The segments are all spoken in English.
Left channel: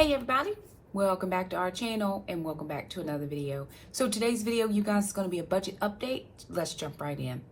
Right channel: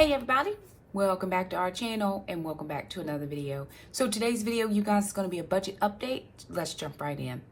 Hey everybody, welcome back to our channel and welcome back to another video. So today's video, you guys, is going to be a budget update. Let's jump right in.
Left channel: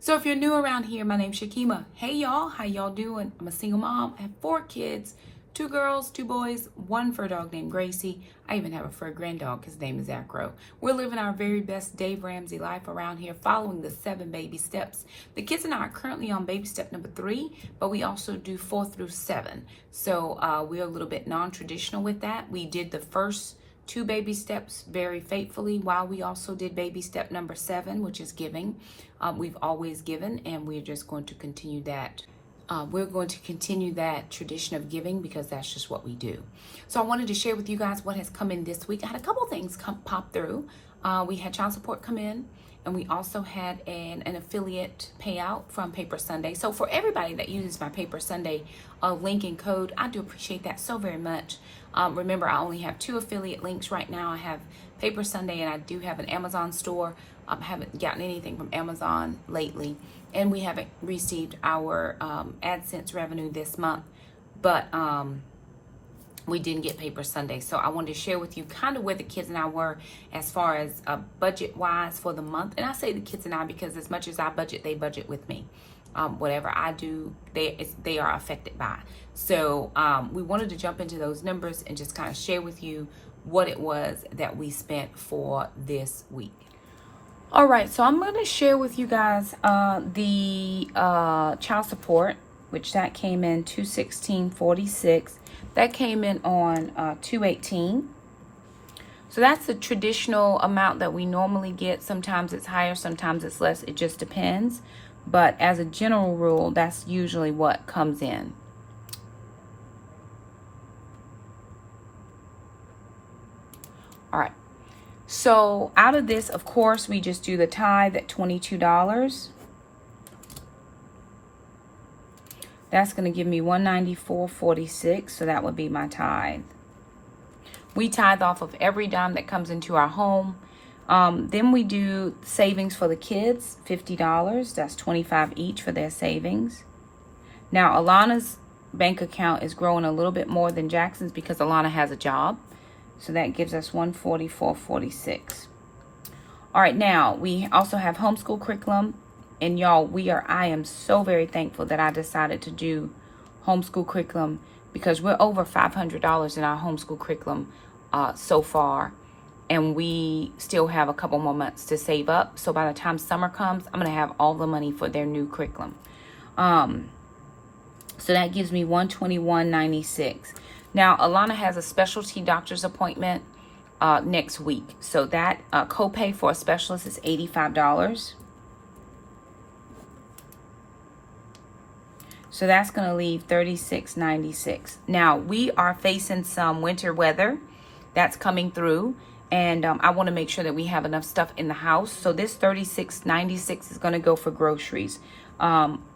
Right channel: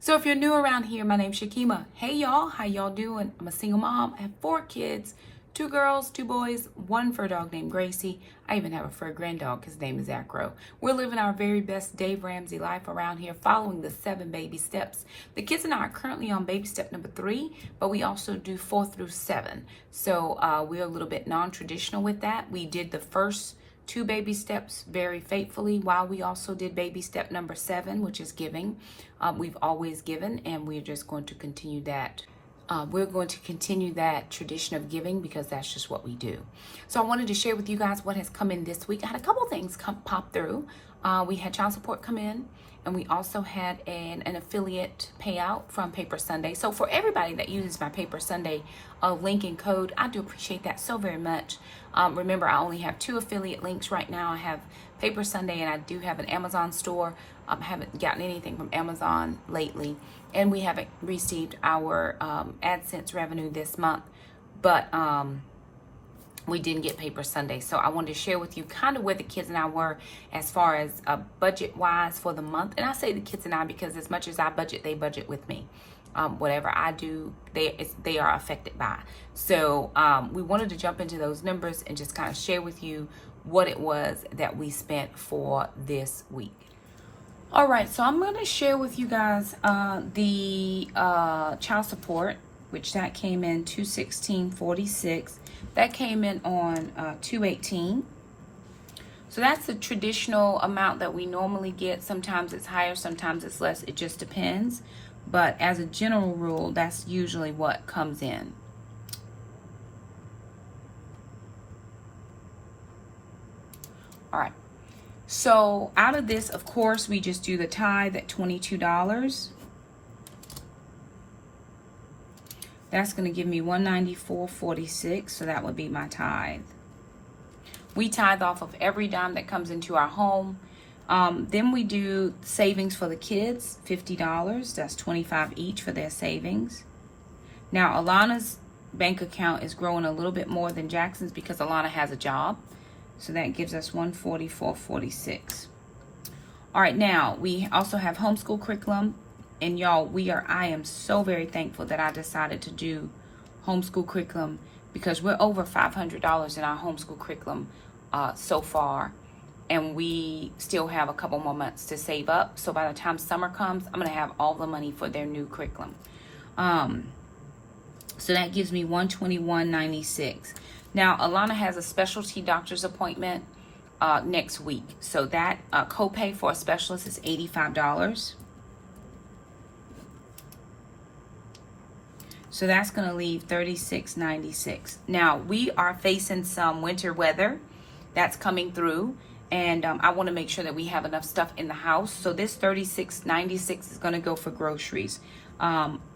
So if you're new around here, my name's Shakema. Hey y'all, how y'all doing? I'm a single mom. I have 4 kids, 2 girls, 2 boys, 1 fur dog named Gracie. I even have a fur grand dog. His name is Acro. We're living our very best Dave Ramsey life around here, following the 7 baby steps. The kids and I are currently on baby step number 3, but we also do 4 through 7. So we're a little bit non-traditional with that. We did the first 2 baby steps very faithfully, while we also did baby step number 7, which is giving. We've always given, and we're just going to continue that. We're going to continue that tradition of giving because that's just what we do. So I wanted to share with you guys what has come in this week. I had a couple things pop through. We had child support come in, and we also had an affiliate payout from Paper Sunday. So for everybody that uses my Paper Sunday link and code, I do appreciate that so very much. Remember, I only have 2 affiliate links right now. I have Paper Sunday and I do have an Amazon store. I haven't gotten anything from Amazon lately, and we haven't received our AdSense revenue this month, but we didn't get Paper Sunday. So I wanted to share with you kind of where the kids and I were as far as budget wise for the month. And I say the kids and I because as much as I budget, they budget with me. Whatever I do, they are affected by. So we wanted to jump into those numbers and just kind of share with you what it was that we spent for this week. All right, so I'm going to share with you guys the child support, which that came in $216.46. That came in on $218. So that's the traditional amount that we normally get. Sometimes it's higher, sometimes it's less. It just depends. But as a general rule, that's usually what comes in. All right. So out of this, of course, we just do the tithe at $22. That's going to give me $194.46. So that would be my tithe. We tithe off of every dime that comes into our home. Then we do savings for the kids, $50. That's $25 each for their savings. Now, Alana's bank account is growing a little bit more than Jackson's because Alana has a job. So that gives us $144.46. All right, now we also have homeschool curriculum. And y'all, I am so very thankful that I decided to do homeschool curriculum because we're over $500 in our homeschool curriculum so far. And we still have a couple more months to save up. So by the time summer comes, I'm going to have all the money for their new curriculum. So that gives me $121.96. Now, Alana has a specialty doctor's appointment next week. So that copay for a specialist is $85. So that's going to leave $36.96. Now, we are facing some winter weather that's coming through. And I want to make sure that we have enough stuff in the house. So this $36.96 is going to go for groceries.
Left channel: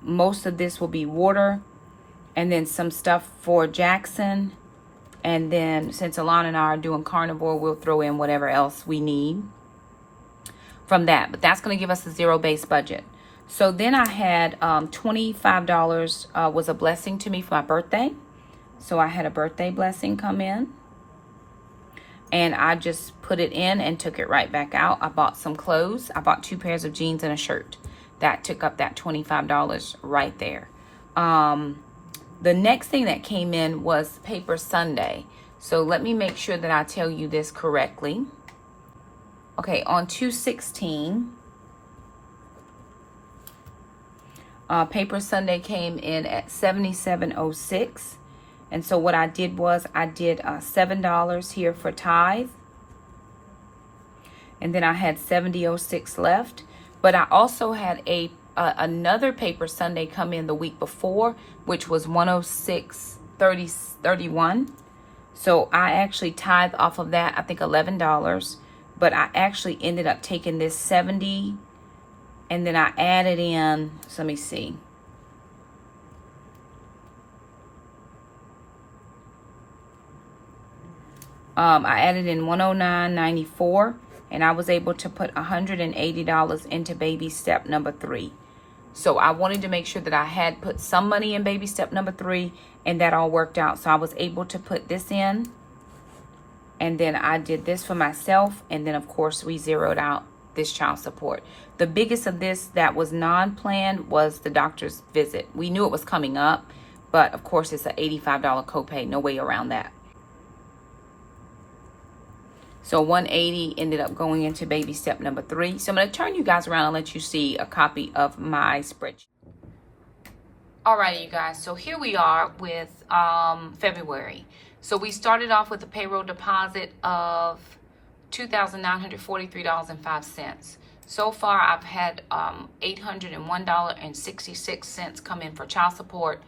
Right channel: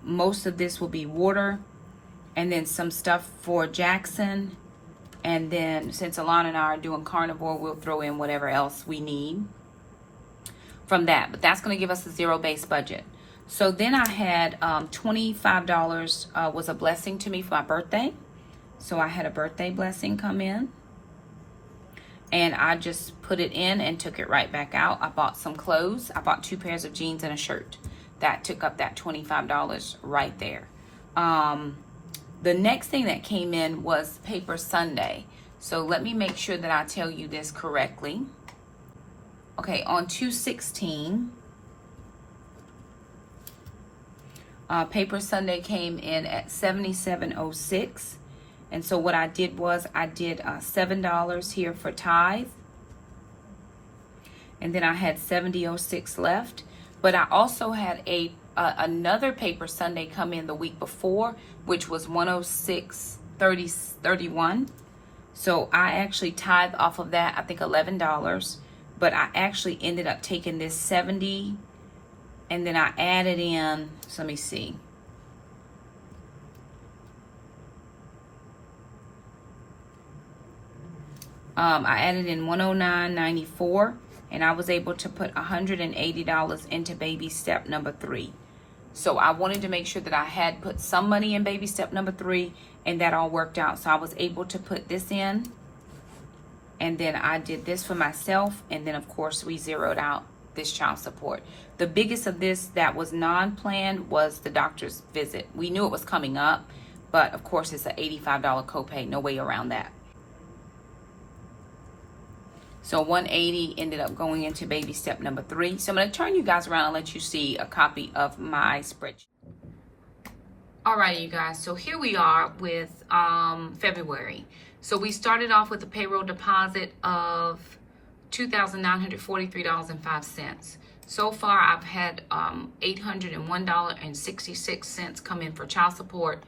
Most of this will be water, and then some stuff for Jackson. And then since Alana and I are doing carnivore, we'll throw in whatever else we need from that. But that's going to give us a zero-based budget. So then I had $25 was a blessing to me for my birthday. So I had a birthday blessing come in. And I just put it in and took it right back out. I bought some clothes. I bought 2 pairs of jeans and a shirt. That took up that $25 right there. The next thing that came in was Paper Sunday. So let me make sure that I tell you this correctly. Okay, on 2/16, Paper Sunday came in at $77.06. And so what I did was I did $7 here for tithe. And then I had $70.06 left. But I also had another Paper Sunday come in the week before, which was $106.31. So I actually tithed off of that, I think $11. But I actually ended up taking this $70, and then I added in, so let me see. I added in $109.94, and I was able to put $180 into baby step number 3. So I wanted to make sure that I had put some money in baby step number 3, and that all worked out. So I was able to put this in, and then I did this for myself, and then of course we zeroed out this child support. The biggest of this that was non-planned was the doctor's visit. We knew it was coming up, but of course it's an $85 copay, no way around that. So 180 ended up going into baby step number 3. So I'm going to turn you guys around and let you see a copy of my spreadsheet. Alrighty, you guys. So here we are with February. So we started off with a payroll deposit of $2,943.05. So far, I've had $801.66 come in for child support.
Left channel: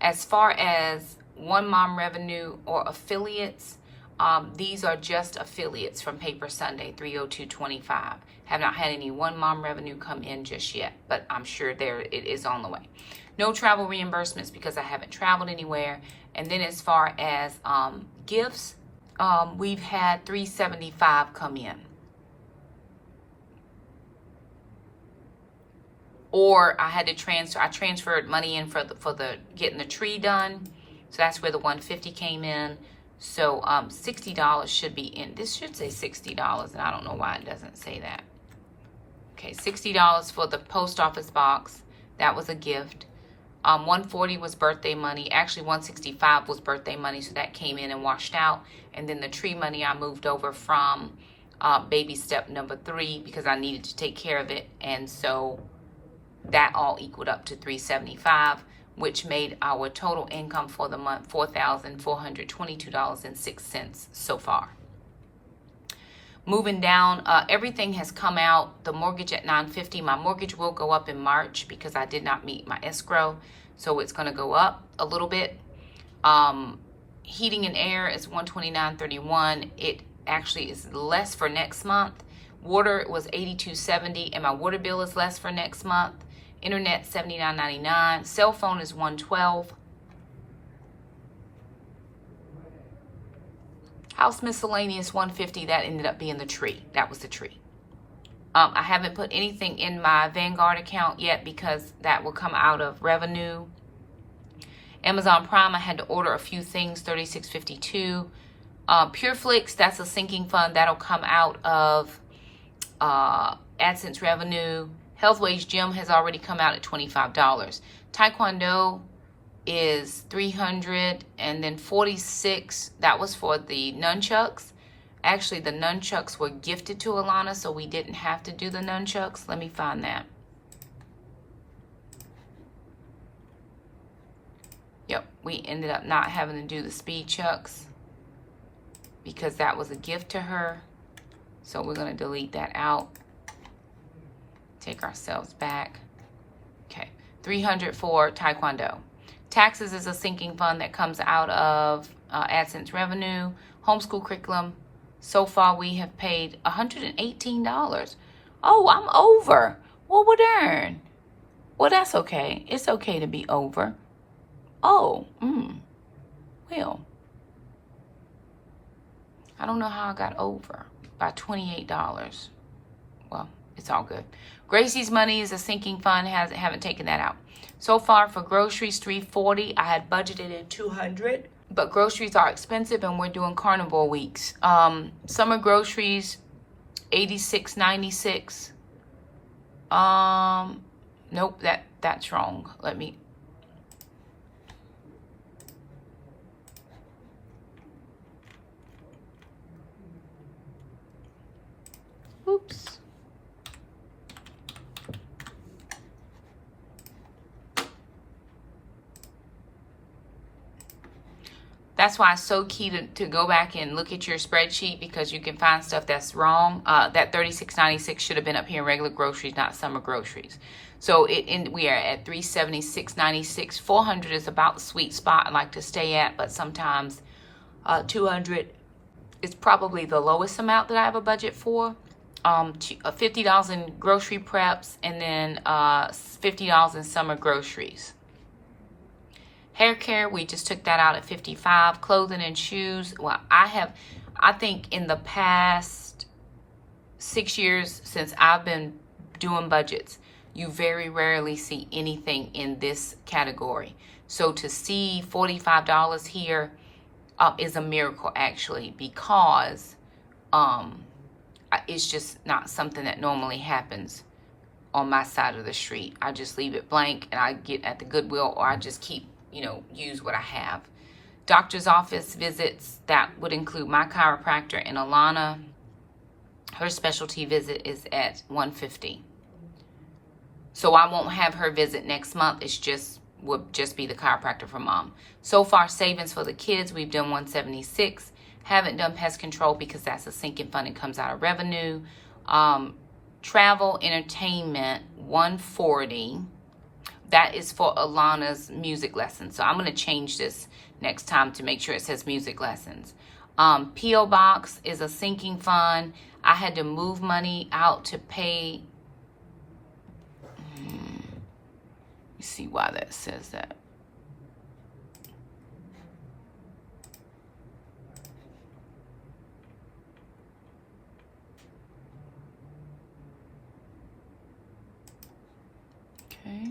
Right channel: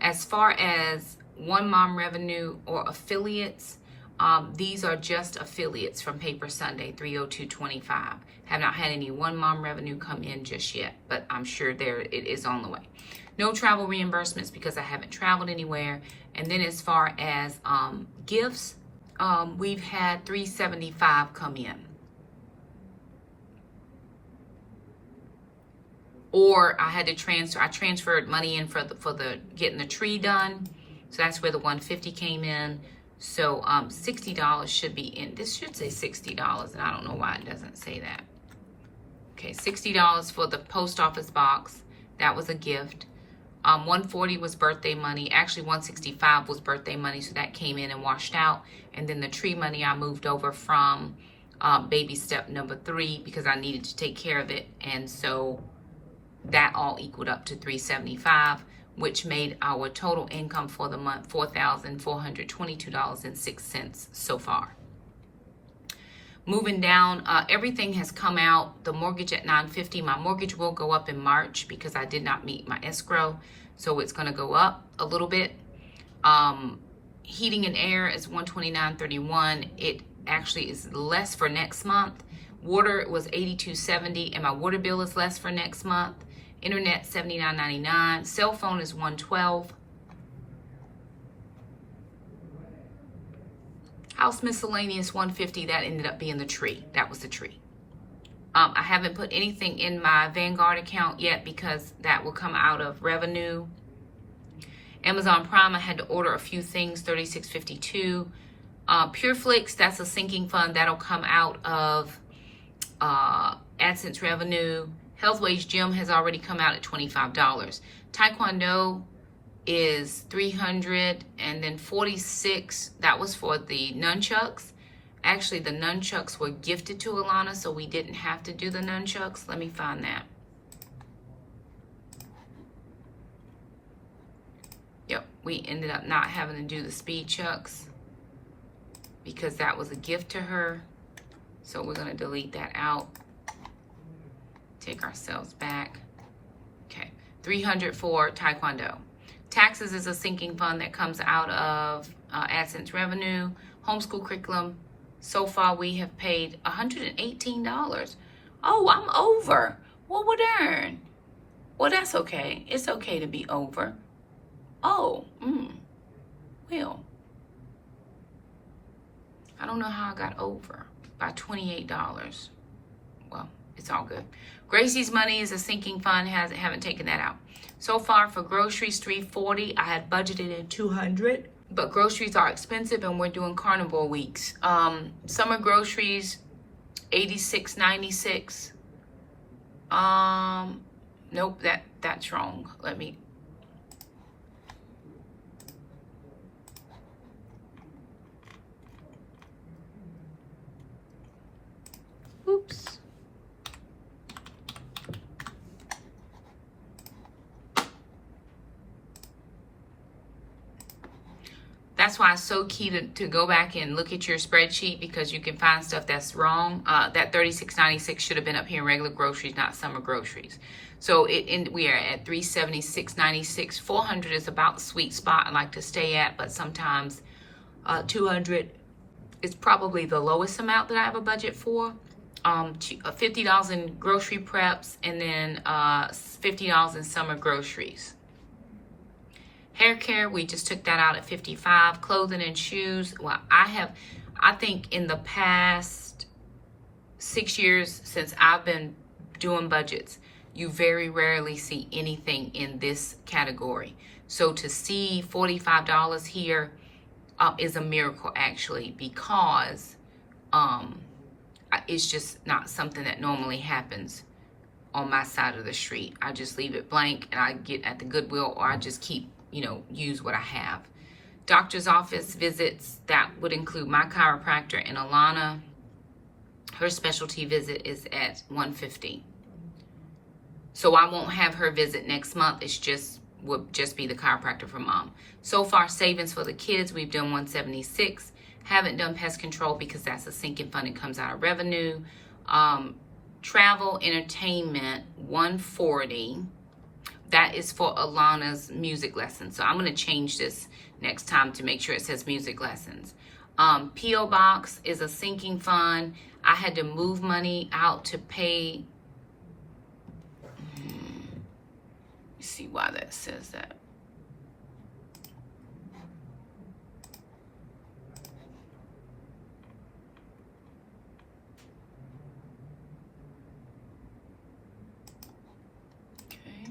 As far as one mom revenue or affiliates, these are just affiliates from Paper Sunday 30225. Have not had any one mom revenue come in just yet, but I'm sure it is on the way. No travel reimbursements because I haven't traveled anywhere. And then as far as gifts, we've had $375 come in. Or I had to transfer. I transferred money in for the getting the tree done. So that's where the $150 came in. So $60 should be in. This should say $60, and I don't know why it doesn't say that. Okay, $60 for the post office box. That was a gift. $140 was birthday money. Actually, $165 was birthday money, so that came in and washed out. And then the tree money I moved over from baby step number 3 because I needed to take care of it, and so that all equaled up to $375. Which made our total income for the month $4,422.06 so far. Moving down, everything has come out. The mortgage at $950. My mortgage will go up in March because I did not meet my escrow, so it's going to go up a little bit. Heating and air is $129.31. It actually is less for next month. Water was $82.70, and my water bill is less for next month. Internet $79.99. Cell phone is $112. House miscellaneous $150. That ended up being the tree. That was the tree. I haven't put anything in my Vanguard account yet because that will come out of revenue. Amazon Prime, I had to order a few things, $36.52. PureFlix, that's a sinking fund. That'll come out of AdSense revenue. Health Wage Gym has already come out at $25. Taekwondo is $300, and then $46. That was for the nunchucks. Actually, the nunchucks were gifted to Alana, so we didn't have to do the nunchucks. Let me find that. Yep, we ended up not having to do the speed chucks because that was a gift to her. So we're going to delete that out. Take ourselves back. Okay, $300 for Taekwondo. Taxes is a sinking fund that comes out of AdSense revenue. Homeschool curriculum. So far we have paid $118. Oh, I'm over. Well, darn. Well, that's okay. It's okay to be over. Oh, well. I don't know how I got over by $28. Well, it's all good. Gracie's money is a sinking fund. Haven't taken that out. So far for groceries, $340. I had budgeted at $200, but groceries are expensive, and we're doing carnival weeks. Summer groceries, $86.96. Nope, that's wrong. Let me. Oops. That's why it's so key to go back and look at your spreadsheet, because you can find stuff that's wrong. That $36.96 should have been up here in regular groceries, not summer groceries. So we are at $376.96. $400 is about the sweet spot I like to stay at, but sometimes $200 is probably the lowest amount that I have a budget for. $50 in grocery preps, and then $50 in summer groceries. Hair care, we just took that out at $55. Clothing and shoes, well, I think in the past 6 years since I've been doing budgets, You very rarely see anything in this category. So to see $45 here is a miracle, actually, because it's just not something that normally happens on my side of the street. I just leave it blank and I get at the Goodwill, or I just keep, use what I have. Doctor's office visits, that would include my chiropractor and Alana. Her specialty visit is at $150. So I won't have her visit next month. Will just be the chiropractor for mom. So far, savings for the kids, we've done $176. Haven't done pest control because that's a sinking fund and comes out of revenue. Travel, entertainment, $140. That is for Alana's music lessons. So I'm going to change this next time to make sure it says music lessons. P.O. Box is a sinking fund. I had to move money out to pay. Let's see why that says that. Okay.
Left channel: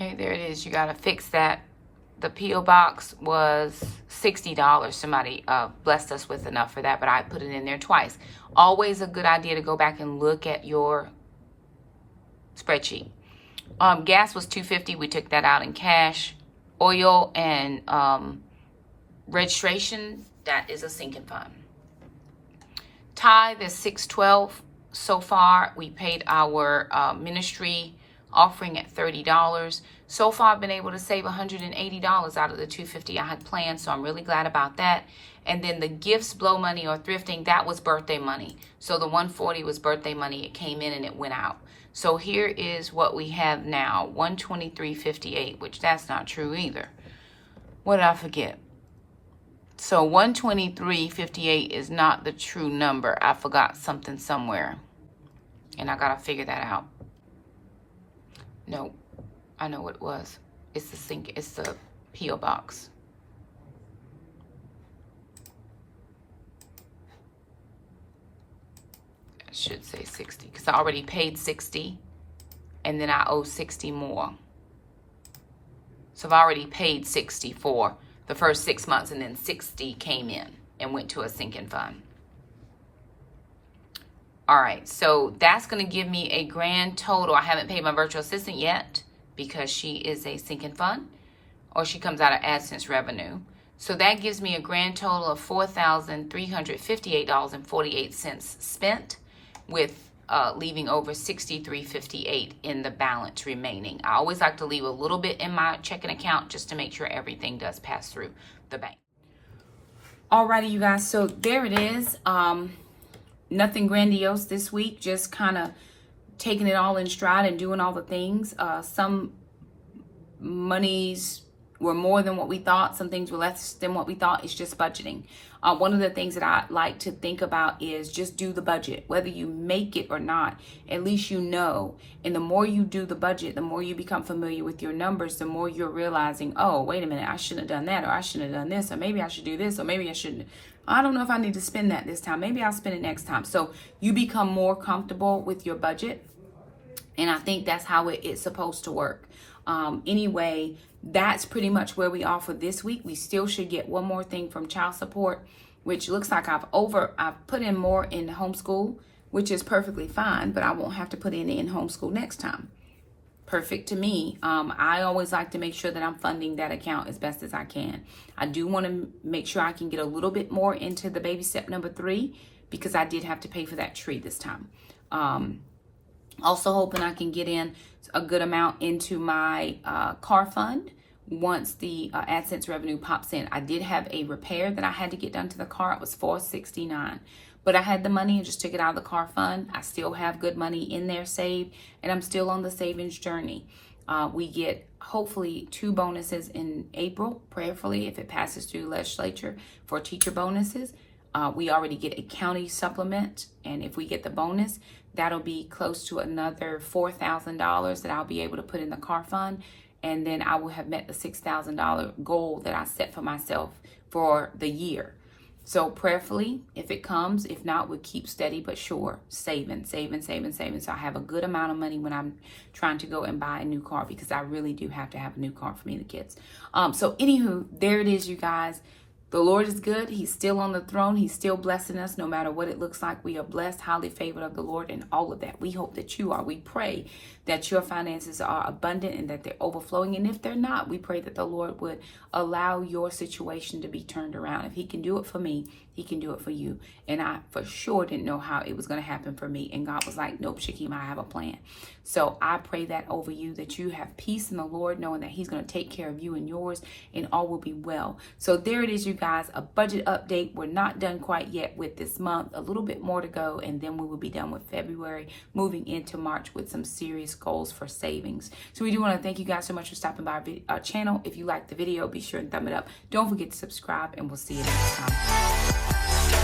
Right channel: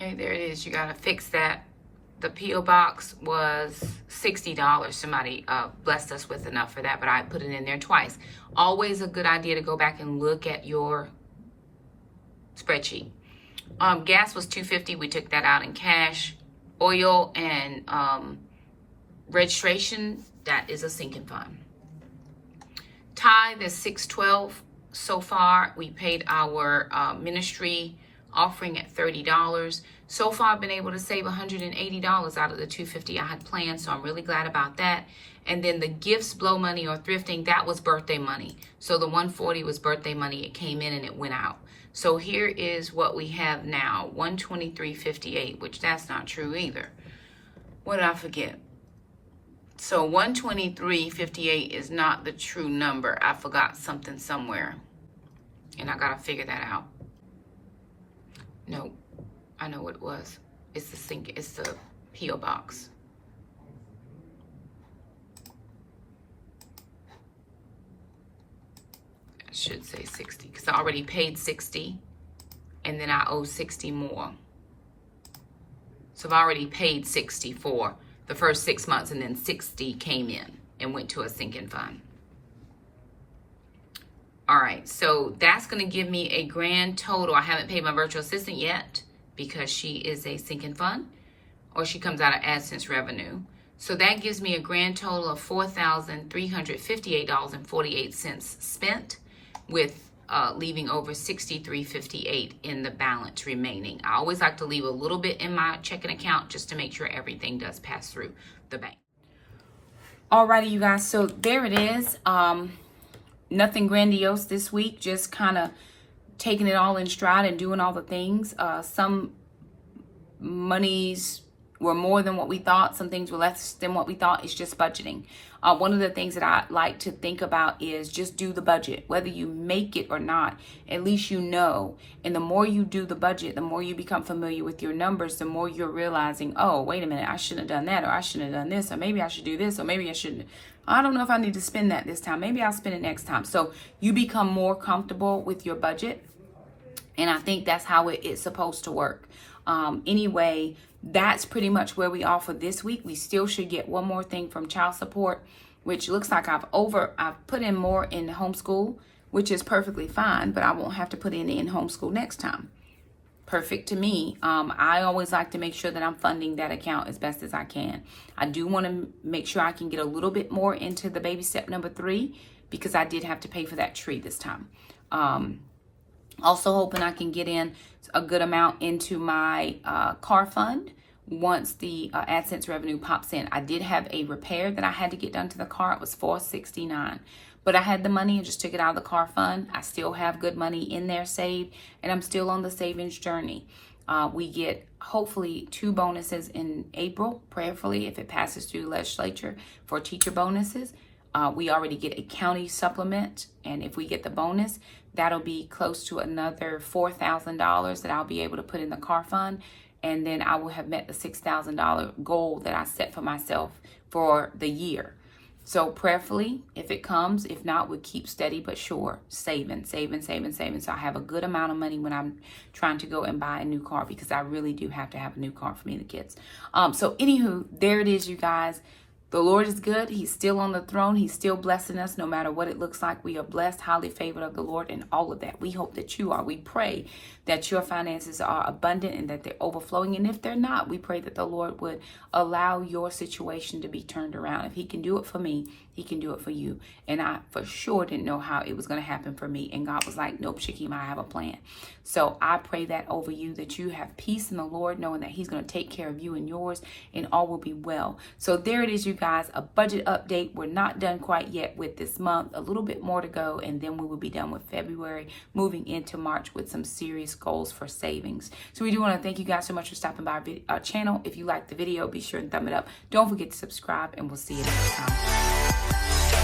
Okay, there it is. You got to fix that. The P.O. Box was $60. Somebody blessed us with enough for that, but I put it in there twice. Always a good idea to go back and look at your spreadsheet. Gas was $250. We took that out in cash. Oil and registration, that is a sinking fund. Tithe is $612 so far. We paid our ministry offering at $30. So far, I've been able to save $180 out of the $250 I had planned, so I'm really glad about that. And then the gifts, blow money, or thrifting, that was birthday money. So the $140 was birthday money. It came in and it went out. So here is what we have now, $123.58, which that's not true either. What did I forget? So $123.58 is not the true number. I forgot something somewhere, and I gotta figure that out. No, I know what it was. It's the P.O. Box. I should say 60 because I already paid 60 and then I owe 60 more. So I've already paid 60 for the first 6 months, and then 60 came in and went to a sinking fund. All right, so that's going to give me a grand total. I haven't paid my virtual assistant yet because she is a sinking fund, or she comes out of AdSense revenue. So that gives me a grand total of $4,358.48 spent, with leaving over $63.58 in the balance remaining. I always like to leave a little bit in my checking account just to make sure everything does pass through the bank. Alrighty, you guys, so there it is. Nothing grandiose this week, just kind of taking it all in stride and doing all the things. Some monies were more than what we thought. Some things were less than what we thought. It's just budgeting. One of the things that I like to think about is just do the budget. Whether you make it or not, at least you know. And the more you do the budget, the more you become familiar with your numbers, the more you're realizing, oh, wait a minute, I shouldn't have done that, or I shouldn't have done this, or maybe I should do this, or maybe I shouldn't. I don't know if I need to spend that this time. Maybe I'll spend it next time. So you become more comfortable with your budget. And I think that's how it's supposed to work. Anyway, that's pretty much where we are for this week. We still should get one more thing from child support, which looks like I've put in more in homeschool, which is perfectly fine, but I won't have to put in homeschool next time. Perfect to me. I always like to make sure that I'm funding that account as best as I can. I do want to make sure I can get a little bit more into the baby step number 3, because I did have to pay for that tree this time. Also hoping I can get in a good amount into my car fund once the AdSense revenue pops in. I did have a repair that I had to get done to the car. It was $469. But I had the money and just took it out of the car fund. I still have good money in there saved, and I'm still on the savings journey. We get hopefully 2 bonuses in April, prayerfully, if it passes through the legislature for teacher bonuses. We already get a county supplement, and if we get the bonus, that'll be close to another $4,000 that I'll be able to put in the car fund, and then I will have met the $6,000 goal that I set for myself for the year. So prayerfully, if it comes, if not, we'll keep steady but sure, saving. So I have a good amount of money when I'm trying to go and buy a new car, because I really do have to have a new car for me and the kids. So anywho, there it is, you guys. The Lord is good. He's still on the throne. He's still blessing us no matter what it looks like. We are blessed, highly favored of the Lord, and all of that. We hope that you are. We pray that your finances are abundant and that they're overflowing. And if they're not, we pray that the Lord would allow your situation to be turned around. If he can do it for me, he can do it for you. And I for sure didn't know how it was going to happen for me. And God was like, nope, Shakema, I have a plan. So I pray that over you, that you have peace in the Lord, knowing that he's going to take care of you and yours, and all will be well. So there it is, you guys, a budget update. We're not done quite yet with this month, a little bit more to go, and then we will be done with February, moving into March with some serious goals for savings. So we do want to thank you guys so much for stopping by our channel. If you liked the video, be sure and thumb it up. Don't forget to subscribe, and we'll see you next time.